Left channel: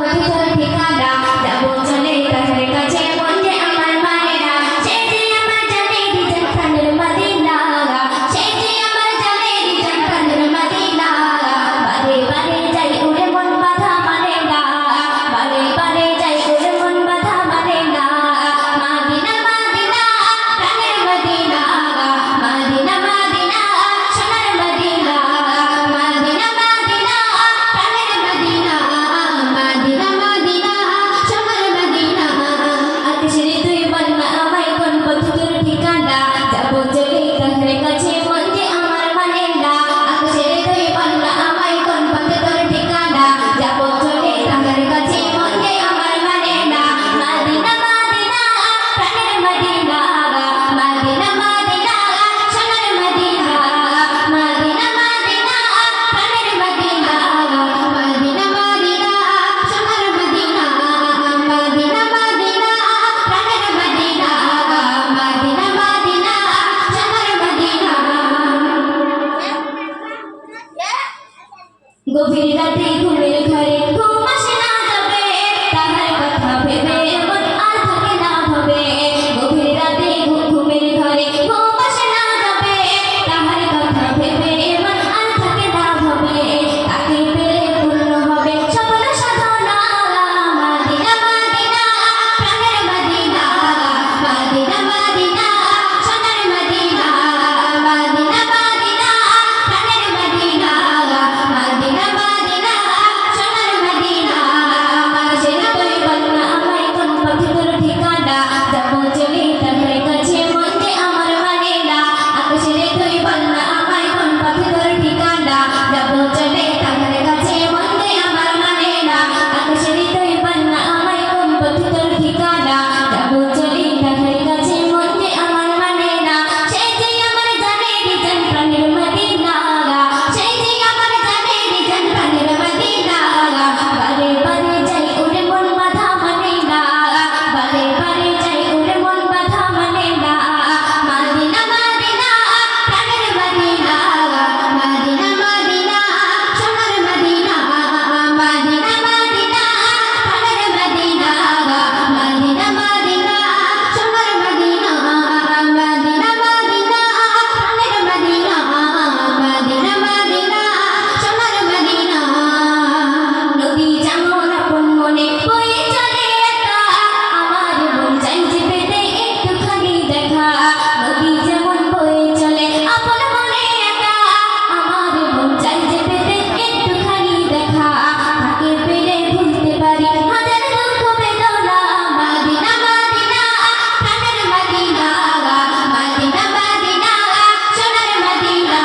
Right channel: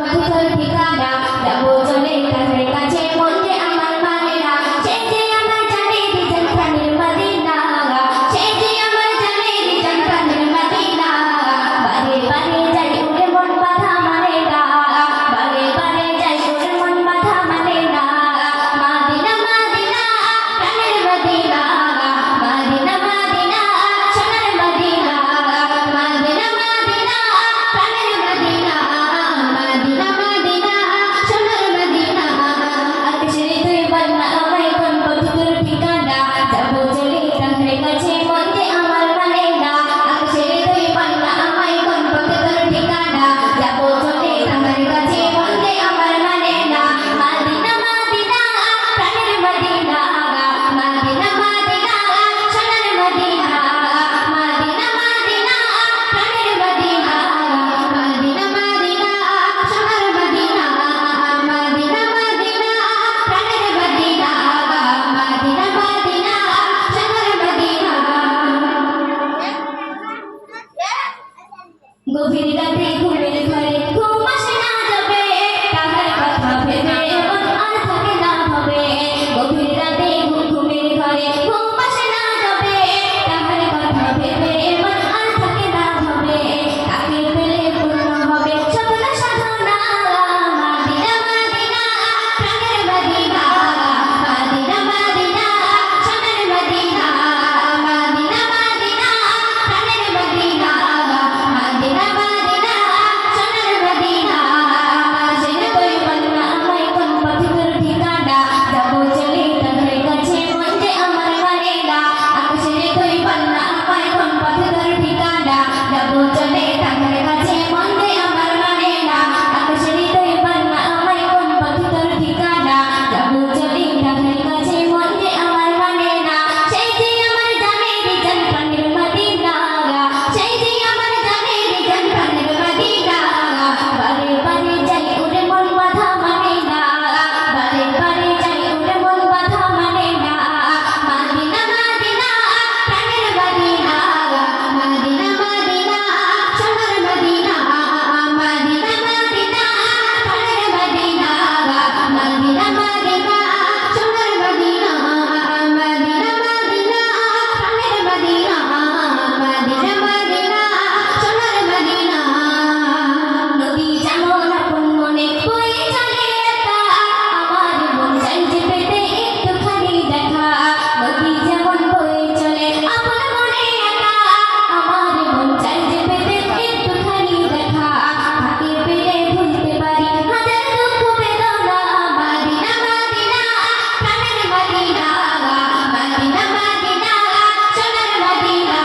পথের ঠিকানা যাবো চলে তাদের কাছে মন যে আমার মানে না সে যে আমার জানে দিজন প্রাণের মদিনা সে যে আমার জানে দিজন প্রাণের মদিনা বারে বারে যাই উড়ে মন বাধা মানে না বারে বারে যাই উড়ে মন বাধা মানে না মদিনা মদিনা প্রাণের মদিনা মদিনা মদিনা সোনার মদিনা মদিনা মদিনা প্রাণের মদিনা মদিনা মদিনা সোনার মদিনা আকাশের তুই বলনা আমায় কোন পথের ঠিকানা যাবো চলে তাদের কাছে মন যে আমার মানে না আকাশের তুই বলনা আমায় কোন পথের ঠিকানা যাবো চলে তাদের কাছে মন যে আমার মানে না মদিনা মদিনা প্রাণের মদিনা মদিনা মদিনা সোনার মদিনা মদিনা মদিনা প্রাণের মদিনা মদিনা মদিনা সোনার মদিনা মদিনা মদিনা প্রাণের মদিনা মদিনা মদিনা সোনার মদিনা গভীর রাতে ঘুমের ঘরে ঘুম আসে না যাবে তাহার কথা ভেবে মন আর থাকে না ভাবে গভীর রাতে ঘুমের ঘরে ঘুম আসে না যাবে তাহার কথা ভেবে মন আর থাকে না ভাবে তাকে পেলে পূর্ণ হবে সফল সাধনা মদিনা মদিনা প্রাণের মদিনা মদিনা মদিনা সোনার মদিনা মদিনা মদিনা প্রাণের মদিনা মদিনা মদিনা সোনার মদিনা আকাশের তুই বলনা আমায় কোন পথের ঠিকানা যাবো চলে তাদের কাছে মন যে আমার মানে না আকাশের তুই বলনা আমায় কোন পথের ঠিকানা যাবো চলে তাদের কাছে মন যে আমার মানে না আকাশের তুই বলনা আমায় কোন পথের ঠিকানা যাবো চলে তাদের কাছে মন যে আমার মানে না সেই যে আমার জানে দিজন প্রাণের মদিনা সেই যে আমার জানে দিজন প্রাণের মদিনা বারে বারে যাই উড়ে মন বাধা মানে না বারে বারে যাই উড়ে মন বাধা মানে না মদিনা মদিনা প্রাণের মদিনা মদিনা মদিনা সোনার মদিনা মদিনা মদিনা প্রাণের মদিনা মদিনা মদিনা সোনার মদিনা মদিনা মদিনা প্রাণের মদিনা মদিনা মদিনা সোনার মদিনা নদী যেমন আপন মনে বয়ে চলে একা আমার মন চাই যে পেতে একটুখানি দেখা নদী যেমন বয়ে চলে আপন মনে একা আমার মন চাই যে পেতে একটুখানি দেখা তাকে পেলে ভুলতে পারি হাজার দুঃখ বেদনা মদিনা মদিনা প্রাণের মদিনা মদিনা মদিনা সোনার মদিনা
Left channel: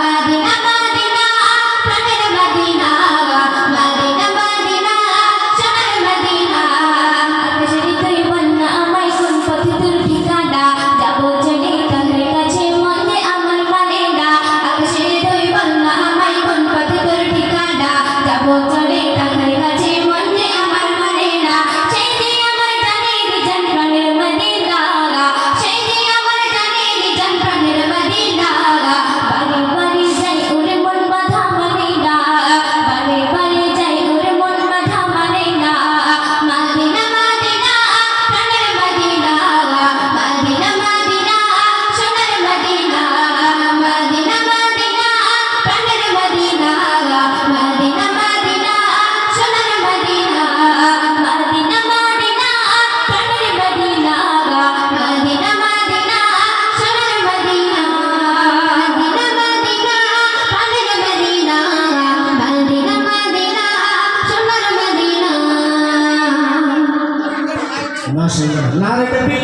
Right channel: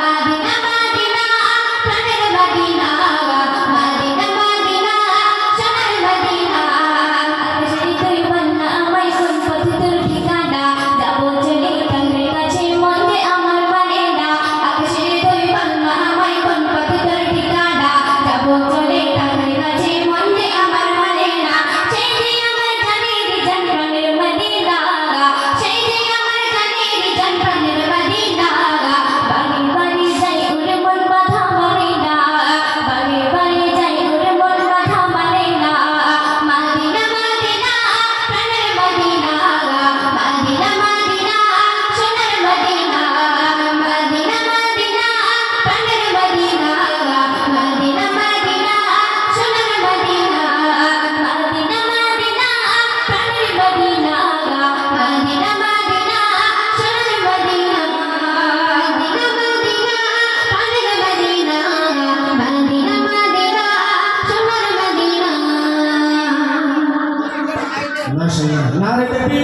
মদিনা মদিনা প্রাণের মদিনা মদিনা মদিনা সোনার মদিনা আকাশের তুই বলনা আমায় কোন পথের ঠিকানা যাবো চলে তাদের কাছে মন যে আমার মানে না আকাশের তুই বলনা আমায় কোন পথের ঠিকানা যাবো চলে তাদের কাছে মন যে আমার মানে না সেই যে আমার জানে দিজন প্রাণের মদিনা সেই যে আমার জানে দিজন প্রাণের মদিনা বারে বারে যাই উড়ে মন বাধা মানে না বারে বারে যাই উড়ে মন বাধা মানে না মদিনা মদিনা প্রাণের মদিনা মদিনা মদিনা সোনার মদিনা মদিনা মদিনা প্রাণের মদিনা মদিনা মদিনা সোনার মদিনা মদিনা মদিনা প্রাণের মদিনা মদিনা মদিনা সোনার মদিনা মদিনা মদিনা প্রাণের মদিনা মদিনা মদিনা সোনার মদিনা মাশাআল্লাহ নারে তাকবীর।